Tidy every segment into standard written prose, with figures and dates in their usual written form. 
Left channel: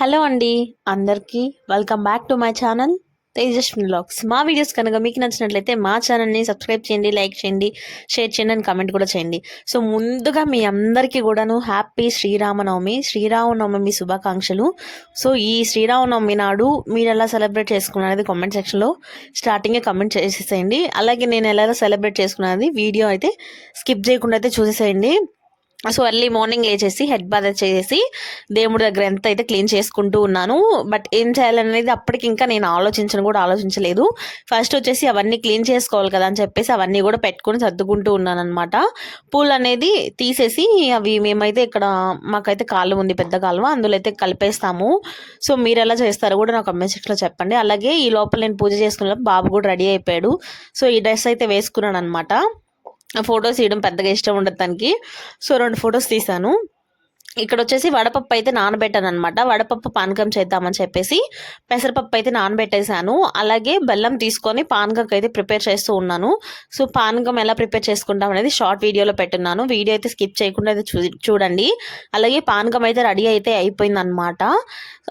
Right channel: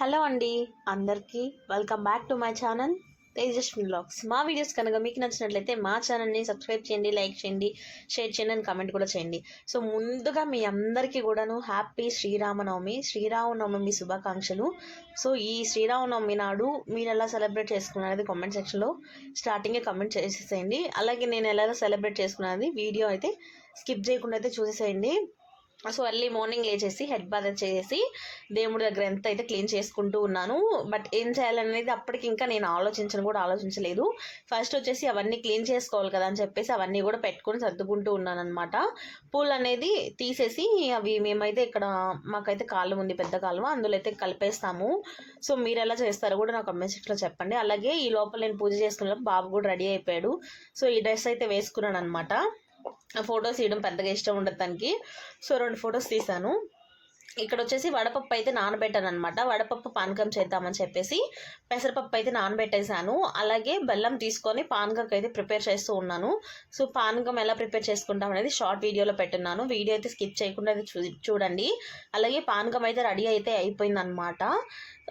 Hello అండి, అందరికీ welcome back to my channel Tejaswini vlogs. మా వీడియోస్ కనుక మీకు నచ్చినట్లయితే మా ఛానల్ని సబ్స్క్రైబ్ చేయండి, లైక్ చేయండి, షేర్ చేయండి అండ్ కామెంట్ కూడా చేయండి. సో ముందుగా మీ అందరికీ కూడాను హ్యాపీ శ్రీరామనవమి శుభాకాంక్షలు. సో ఈ శ్రీరామనవమి నాడు మీరు ఎలా సెలబ్రేట్ చేసుకున్నది కామెంట్ సెక్షన్లో స్టార్టింగే కామెంట్ చేసేసేయండి. అలాగే నేను ఎలా సెలబ్రేట్ చేసుకున్నది వీడియో అయితే స్కిప్ చేయకుండా అయితే చూసేసేయండి. సో ఎర్లీ మార్నింగ్ లేచేసి హెడ్ బాత్ చేసి దేవుడి దగ్గర ఎంత అయితే క్లీన్ చేసుకుంటూ ఉన్నాను. బట్ ఏం చేయాలనేది అప్పటికి ఇంకా నేను ఆలోచించలేదు. ఫస్ట్ వచ్చేసి అవన్నీ క్లీన్ చేసుకోవాలి కదా అని చెప్పేసి అవన్నీ కూడా పెట్టుకొని సర్దుకుంటూ ఉన్నాను అనమాట. పూలు అనేది తీసేసి అవి మేమైతే ఇక్కడ మాకైతే కాలువ ఉంది, పెద్ద కాలువ, అందులో అయితే కలిపేస్తాము. సో మీరు ఎలా చేస్తారో కూడా నాకు కామెంట్ సెక్షన్లో చెప్పండి. అలాగే ఈ లోపల నేను పూజ చేసుకున్న బాబు కూడా రెడీ అయిపోయాడు. సో ఈ డ్రెస్ అయితే వేసుకున్నాను అనమాట. ఫొటోస్ తీయడం పెద్దగా ఇష్టం ఉండదు తనకి. సో 2 ఫొటోస్ తీసాను. ఇక్కడ వచ్చేసి వడపప్పు అయితే నానబెట్టాను అనమాట. వడపప్పు పానకం చేద్దామని చెప్పేసి పెసరపప్పు అయితే నానబెట్టేశాను. అలాగే బెల్లం తీసుకొని పానకంకి అయితే ప్రిపేర్ చేస్తూ ఉన్నాను. సో పానకం ఎలా ప్రిపేర్ చేసుకుంటాం అనేది షార్ట్ వీడియోలో పెట్టున్నాను. వీడియో అయితే స్కిప్ చేయకుండా అయితే చూడండి. అలాగే పానకం అయితే రెడీ అయితే అయిపోయింది అనమాట.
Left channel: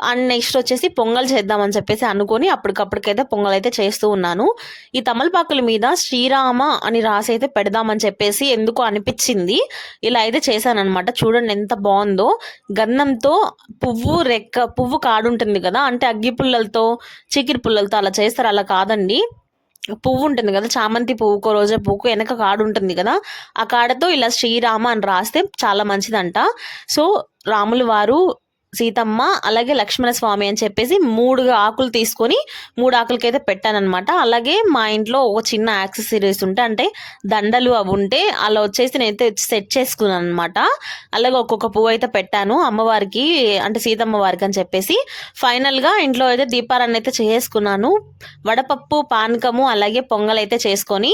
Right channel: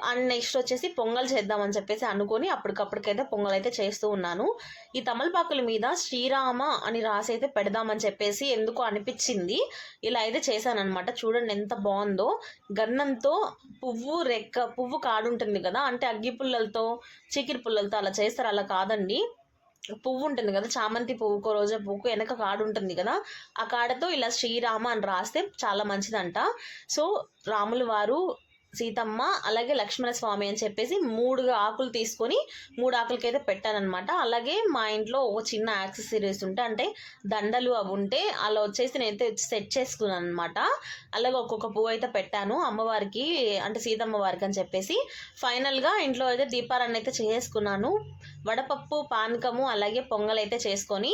అండ్ నెక్స్ట్ వచ్చేసి పొంగల్ చేద్దామని చెప్పేసి అనుకొని అప్పటికప్పటికైతే పొంగల్ అయితే చేస్తూ ఉన్నాను. ఈ తమలపాకుల మీద శ్రీరామ అని రాసి అయితే పెడదామని చెప్పేసి ఎందుకో అనిపించింది. ఇలా అయితే చేశాను అనమాట. చూడండి ఎంత బాగుందో. గంధంతో పువ్వు కాడు ఉంటుంది కదా, అంటే అగ్గి పుల్లలతో చీకిరి పుల్లలతో అలా చేస్తారు. అలా కాదండి, పువ్వు ఉంటుంది కదా, చామంతి పువ్వుకో రోజా పువ్వుకో వెనక కాడు ఉంటుంది కదా, ఆ కాడతో ఇలా శ్రీరామ అని రాస్తే చాలా మంచిదంట. సో రాములు వారు, సీతమ్మ, అలాగే లక్ష్మణ స్వామి అని చెప్పేసి 3 ఆకులు తీసుకొని 3 ఆకులకైతే పెట్టానమాట. అలాగే మా ఇంట్లో ఒక చిన్న యాక్సెసరీస్ ఉంటే, అంటే దండలు అవి ఉంటే అలా వచ్చేసి నేనైతే సెట్ చేసుకున్నాను అనమాట. అలాగే ఒక్కొక్క పువ్వు అయితే పెట్టాను అమ్మవారికి, అంటే సీతమ్మ వారికి అని చెప్పేసి. ఫైనల్గా ఇంట్లో అయితే దీపారాన్ని అయితే చేసుకున్నాను. వడపప్పు, పానకము, అలాగే పొంగల్ అయితే చేసుకొని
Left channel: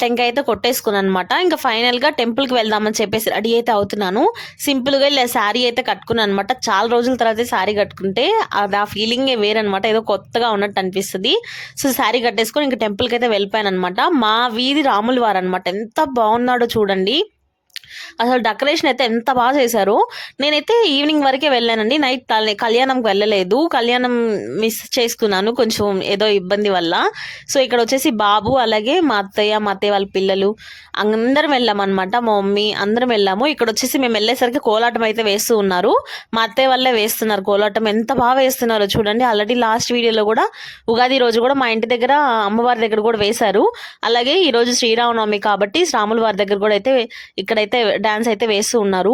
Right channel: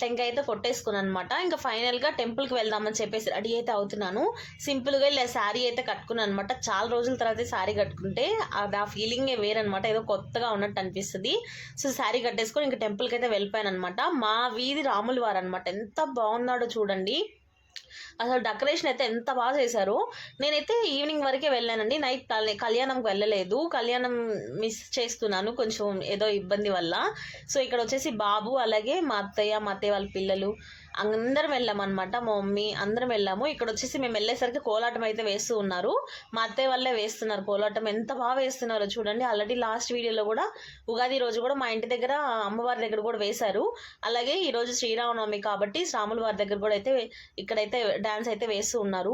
టెంకాయ అయితే కొట్టేసుకున్నాను అనమాట. ఇంకా ఫైనల్గా టెంపుల్కి వెళ్దామని చెప్పేసి రెడీ అయితే అవుతున్నాను. సింపుల్గా ఇలా శారీ అయితే కట్టుకున్నాను అనమాట. చాలా రోజుల తర్వాత శారీ కట్టుకుంటే అది ఆ ఫీలింగే వేరనమాట, ఏదో కొత్తగా ఉన్నట్టు అనిపిస్తుంది. సో శారీ కట్టేసుకొని ఇంకా టెంపుల్కి అయితే వెళ్ళిపోయాను అనమాట. మా వీధి రాముల వారు అనమాట. ఎంత బాగున్నాడో చూడండి. అసలు డెకరేషన్ అయితే ఎంత బాగా చేశారు. నేనైతే ఈవినింగ్ వరకే వెళ్ళానండి, నైట్ కళ్యాణంకి వెళ్ళలేదు. కళ్యాణం మిస్ చేసుకున్నాను కొంచెం ఏదో ఇబ్బంది వల్ల. సో ఇక్కడ వచ్చేసి బాబు, అలాగే మా అత్తయ్య వాళ్ళ పిల్లలు అందరం వెళ్ళామన్నమాట. మా మమ్మీ అందరం వెళ్ళాము. ఇక్కడ వచ్చేసి మేము వెళ్ళేసరికి కోలాటం అయితే వేస్తూ ఉన్నారు. మా అత్తయ్య వాళ్ళే వేస్తున్నారు కోలాటం. ఎంత బాగా వేస్తున్నారో చూడండి. ఆల్రెడీ లాస్ట్ వీడియోలో కూడా ఉగాది రోజు కూడా మా ఇంటి దగ్గర అమ్మవారి దగ్గర కూడా వేశారు. అలాగే ఈరోజు శ్రీరామనవమి కాబట్టి రాముల వారి దగ్గర కూడా అయితే ఇక్కడైతే డాన్స్ అయితే వేస్తూ ఉన్నారు.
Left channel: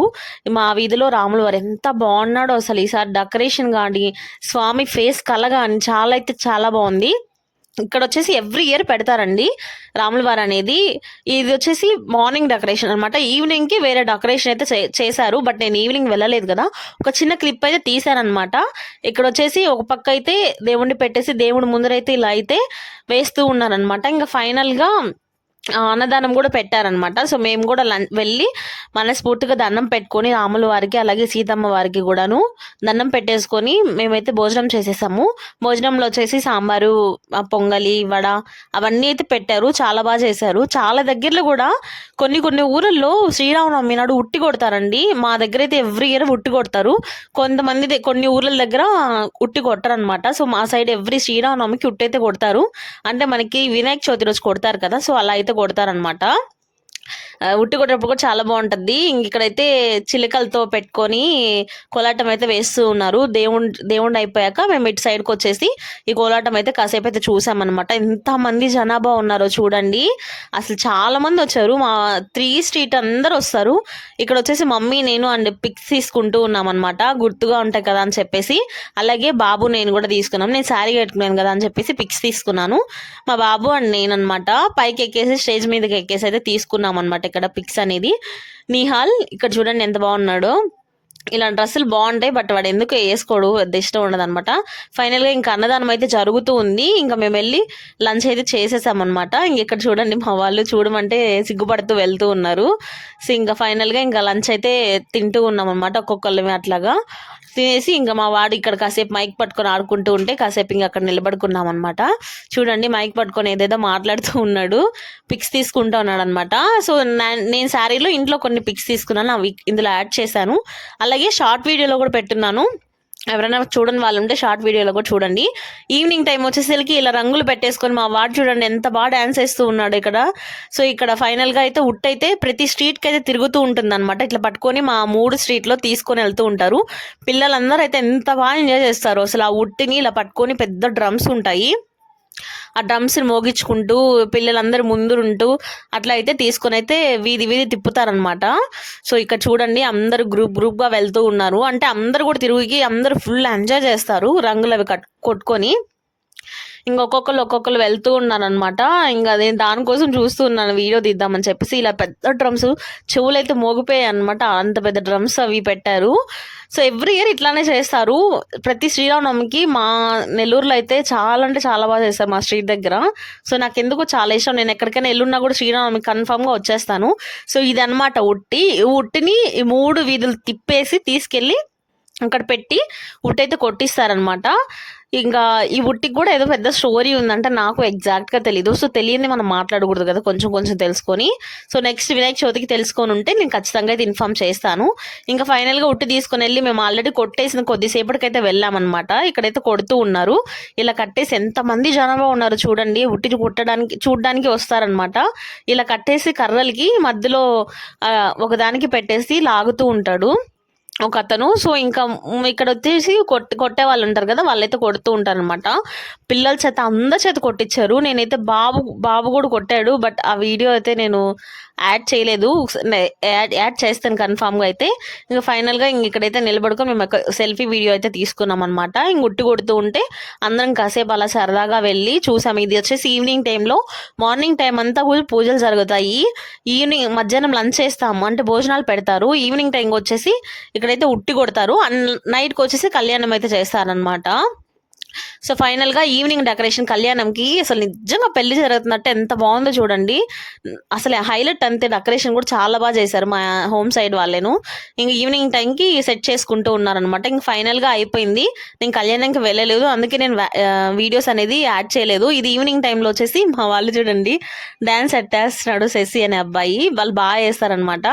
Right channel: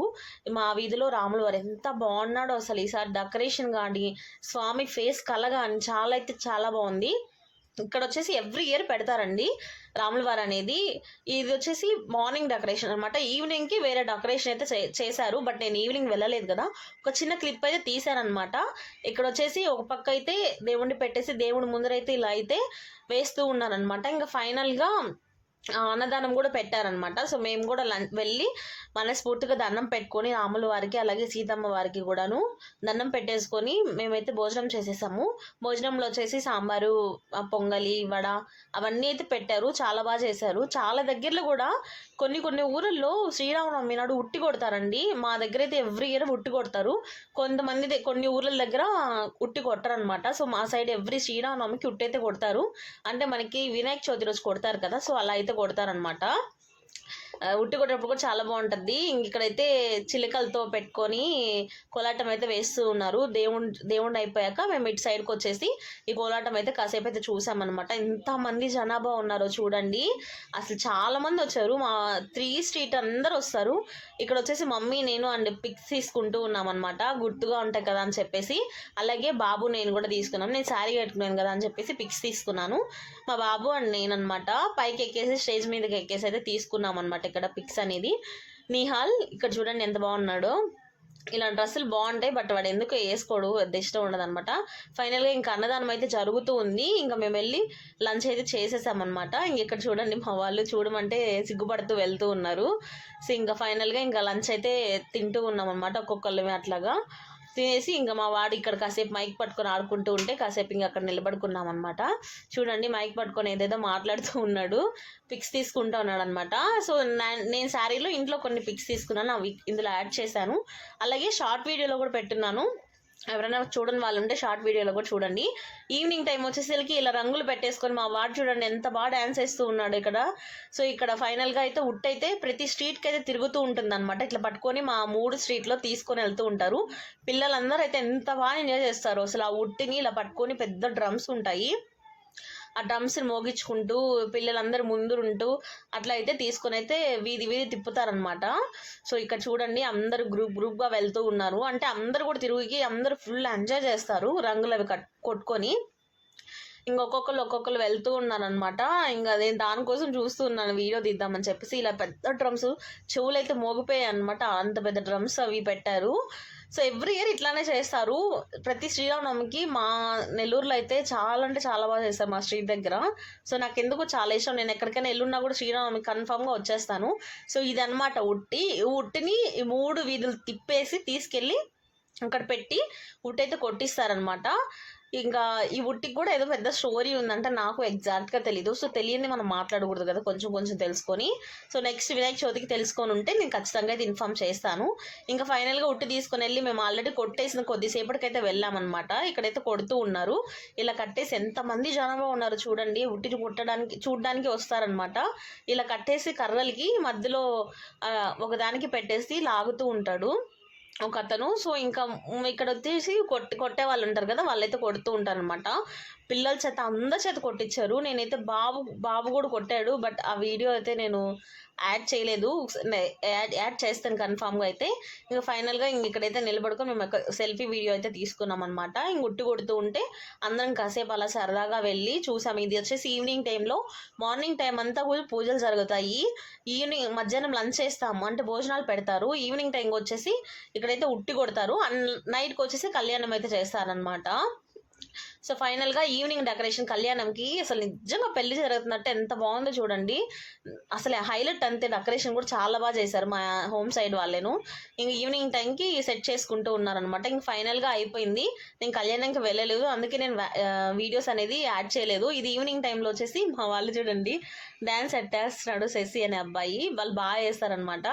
మా వీధిలో రాముల వారు ఎంత బాగున్నాడో అసలు. ఈసారి డెకరేషన్ కానీ స్వామి ఫేస్ కళ కానీ చాలా అయితే చాలా బాగుంది. ఇక్కడ వచ్చేసి ఎవ్రీ ఇయర్ పెడతారండి రాముల వారు అనేది. ఇది వచ్చేసి మార్నింగ్ డెకరేషన్ అనమాట. ఈవినింగ్కి వేరే డెకరేషన్ అయితే చేశారు. బట్ నేను ఈవినింగ్ వెళ్ళలేదు కదా, ఒక చిన్న క్లిప్ అయితే తీశానమాట. ఇక్కడ వచ్చేసి ఒక పక్క అయితే దేవుణ్ణి పెట్టేసి దేవుడి ముందరైతే ఇలా అయితే వేస్తూ ఉన్నారనమాట. ఇంకా ఫైనల్గా అన్నదానం కూడా పెట్టారనమాట. సో మేము కూడా వెళ్ళి మనస్ఫూర్తిగా దండం పెట్టుకొని రాముల వారికి, అలాగే సీతమ్మ వారికి కూడాను దండం పెట్టేసుకొని మేమైతే భోజనం చేసేసాము. భోజనంలో వచ్చేసి సాంబారు, పొంగలి, వడ అవన్నీ అయితే పెట్టారు. చాలా బాగా చేశారు. చాలా దగ్గరలో కూడా కొన్ని ఊళ్ళల్లో శ్రీరామనవమి నాడు ఉట్టి కొడతారండి. మా దగ్గర అయితే ఎవ్రీ ఇయర్ ఉట్టి కొడతారు. కొన్ని ఊర్ల దగ్గర ఉట్టి కొట్టరనమాట. సో మా సైడ్ ఎవ్రీ శ్రీరామనవమికి ఉట్టి అయితే కొడతారు. అంటే మనకి వినాయక చవితి రోజు కొడతారు కదా, సో అలా అయితే కొడతారనమాట. ఉట్టి కొట్టేటప్పుడు కూడా చాలా బాగుంటుంది. ఇక్కడైతే చిలకలతో పెట్టుకొని కోలాటం అయితే వేస్తూ ఉన్నారు. దేవుడు అయిపోయాక మేము ఇటు సైడ్కి వచ్చేసి ఈ కోలాటం అయితే కాసేపు అయితే చూసామన్నమాట. ఎంతమంది జనాభా ఉన్నారో చూడండి. అసలు చాలా మంది వచ్చారు. మా 3 స్ట్రీట్ అందరు వస్తారు. ఇక్కడ వచ్చేసి మమ్మీ, నేను అండ్ పిక్స్ తీసుకుంటూ ఉన్నామన్నమాట, గుర్తుగా ఉంటాయి కదా అని చెప్పేసి. అలాగే బాబు నేను కూడా తీసుకున్నాం. నేను శారీ కట్టుకున్నాను కదా అని చెప్పేసి పిక్స్ తీసుకున్నాను. మా బాబు అండ్ నేను అనమాట పైకి ఎక్కేసి స్టేజ్ మీదకి ఎక్కేసి అయితే తీసుకున్నాం అనమాట. ఇక్కడ పిక్స్ అనేది నిహాల్ ఇక్కడ చూడండి ఎంత బాగున్నాడో. ఇలా డ్రెస్సులు బాగుంటాయి, బట్ వాడు ఎందుకు వేసుకోడు, పెద్ద ఇష్టం ఉండదు అనమాట. ఫైనల్గా ఇంకా అన్నదానం అయితే జరుగుతూ ఉంది. ఇంకా మేము వెళ్ళి లంచ్ అయితే చేసేసామన్నమాట. ఇంక ఇక్కడ చూడండి మా వాళ్ళు చూడమంటే సిగ్గుపడుతూ వెళ్తూ ఉన్నారు. సో ఇంకా ఫైనల్గా ఇంకా లంచ్ అయితే తింటూ ఉన్నాం అనమాట, ఒక్కొక్కళ్ళమే అట్లాగా తినేసి. ఇంకా మా వాడు ఇక్కడ కాసేపు మైక్ పట్టుకొని ఆడుకుంటూ ఉంటే కాసేపు ఇంకా అక్కడ నిలబడుకున్నాం అనమాట. చూడండి మైక్ పట్టుకొని ఏదేదో మాట్లాడుతూ ఉన్నాడు, పిక్స్ తీసుకుంటూ ఉన్నాడు అనమాట. సో నేను శారీలో ఇంట్లో కొన్ని పిక్స్ తీసుకున్నాను, అవి ఇందులో యాడ్ చేశాను. అలాగే షార్ట్ వీడియోలో కూడా పెట్టున్నాను. ఎవరైనా చూడని వాళ్ళు ఉంటే షార్ట్ వీడియోలో కూడా చూడండి. ఈవినింగ్ టైం వచ్చేసరికి ఇలా రంగులు పెట్టేసుకొని మా వాడు చూడండి ఎంత బాగా డ్యాన్స్ వేస్తూ ఉన్నాడు ఇక్కడ. సో ఇక్కడ ఫైనల్గా అయితే ఉట్ అయితే ప్రతి స్ట్రీట్కి అయితే తిరుగుతూ ఉంటుంది అనమాట. ఇట్లా పట్టుకొని మా 3 స్ట్రీట్లో తీసుకొని వెళ్తూ ఉంటారు. పిల్లలందరూ అయితే ఎంత బాగా ఎంజాయ్ చేస్తారు అసలు. ఆ ఉట్టిని ఇలా పట్టుకొని పెద్ద డ్రమ్స్ ఉంటాయి, ఆ డ్రమ్స్ని మోగించుకుంటూ పిల్లలందరూ ముందుంటూ అట్లా అయితే తీసుకొని అయితే వీధి వీధి తిప్పుతారనమాట. సో ఇక్కడ చూడండి అందరూ గ్రూప్గా వెళ్తూ ఉన్నారు. అంటే అందరూ కూడా తిరిగి అందరూ ఫుల్ ఎంజాయ్ చేస్తారు రంగులు అవి కొట్టుకొని. ఒక్కొక్కరు వెళ్తూ ఉన్నారనమాట. ఇంకా అదే దానికోసం చూస్తూ ఉన్నాను వీడియో తీద్దామని చెప్పేసి. ఇలా పెద్ద డ్రమ్స్ చెవులు అయితే మోగిపోయాయి అనమాట, అంత పెద్ద డ్రమ్స్ అవి పెట్టారు. సో ఎవ్రీ ఇయర్ ఇట్లానే చేస్తారు. ప్రతి శ్రీరామనవమికి మా నెల్లూరులో అయితే చాలా అంటే చాలా బాగా చేస్తారు మా స్ట్రీట్ దగ్గర. సో నాకు ఎందుకు చాలా ఇష్టం. నేను ఎక్కడికైనా ఎల్లున్నా కూడా శ్రీరామనవమికి కన్ఫామ్గా వచ్చేస్తాను. సో ఇది అనమాట ఉట్టిని 3 వీధులు తిప్పేసి తీసుకెళ్ళి అక్కడ పెట్టి ఉట్టయితే కొట్టిస్తారనమాట. ఇంకా ఈ ఉట్టికి కూడా ఏదో పెద్ద స్టోరీ ఉందంటే నాకు ఎగ్జాక్ట్గా తెలీదు. సో తెలియని మనం మాట్లాడకూడదు కదా, కొంచెం కొంచెం తెలుసుకొని. సో నెక్స్ట్ వినాయక చవితికి తెలుసుకొని ఉంటే నేను ఖచ్చితంగా అయితే ఇన్ఫామ్ చేస్తాను. ఇంకా ఫైనల్గా ఉట్టి తీసుకొని వెళ్ళి మేము ఆల్రెడీ కొట్టేసిన కొద్దిసేపటికైతే వెళ్ళామన్నమాట. ఇక్కడైతే కొడుతూ ఉన్నారు. ఇలా కట్టేసి ఎంతమంది జనాభా ఉన్నారు చూడండి. ఉట్టి చూడడానికి వస్తారనమాట. ఇలా కట్టేసి కర్రలకి మధ్యలో ఒకదానికి పెట్టేసి లాగుతూ ఉంటాడు ఒక అతను. సో ఇంకా ఇక్కడ వచ్చేసి కొట్టే వాళ్ళు ఉంటారు కదా, వాళ్ళైతే కొడుతూ ఉంటారు అనమాట. పిల్లల చేత అందరి చేత కొట్టించారు. నేనైతే బాబు కూడా కొట్టాడు, బట్ ఆ వీడియో అయితే నేను యాడ్ చేయలేదు. యాడ్ చేస్తాను కన్ఫామ్గా అయితే. ఇంకా ఫైనల్గా ఇక్కడైతే నిలబడుకొని మేము సెల్ఫీ వీడియో అయితే తీసుకున్నాం అనమాట. ఉట్టి కొడుతూ ఉంటే అందరం కాసేపు అలా సరదాగా వెళ్ళి చూసాము. ఇది వచ్చేసి ఈవినింగ్ టైంలో. మార్నింగ్ టైం అంతా కూడా పూజలు జరుగుతాయి. ఈవినింగ్ మధ్యాహ్నం లంచ్ చేస్తాము, అంటే భోజనాలు పెడతారు. ఈవినింగ్ టైంకి వచ్చేసి ఇక్కడైతే ఉట్టి కొడతారు. నైట్కి వచ్చేసి కళ్యాణం అయితే చేస్తారనమాట. సో ఫైనల్గా ఈవినింగ్ డెకరేషన్ కళ్యాణంకి అసలు నిజంగా పెళ్లి జరుగుతున్నట్టు ఎంత బాగుందో చూడండి. అసలు హైలైట్ అంతే, డెకరేషన్ కూడా చాలా బాగా చేశారు మా హోమ్ సైడ్ వాళ్ళేను. ఇంక ఈవినింగ్ టైంకి సెట్ చేసుకుంటూ ఉన్నారనమాట. ఇంక ఫైనల్గా అయిపోయింది. నేను కళ్యాణంకి వెళ్ళలేదు, అందుకే నేను వీడియోస్ అనేది యాడ్ చేయలేదు. ఇది ఈవినింగ్ టైంలో వచ్చేసి మా వాళ్ళు చూడండి డ్యాన్స్ ఎట్టేస్తున్నాడు శశి అనే అబ్బాయి. వాళ్ళు బాగా చేస్తారనమాట.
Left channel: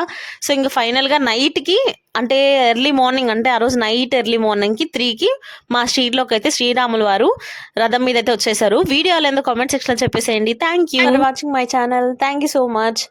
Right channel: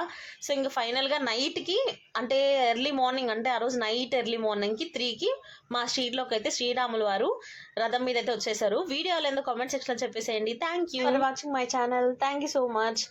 సో ఇంక ఫైనల్గా నైట్కి అంటే ఎర్లీ మార్నింగ్, అంటే ఆ రోజు నైట్ ఎర్లీ మార్నింగ్కి 3కి మా స్ట్రీట్లోకి అయితే శ్రీరాములు వారు రథం మీద అయితే వచ్చేసారు. వీడియోలో ఎందుకు కామెంట్ సెక్షన్లో చెప్పేసేయండి. Thank you for watching my channel. Thank you so much.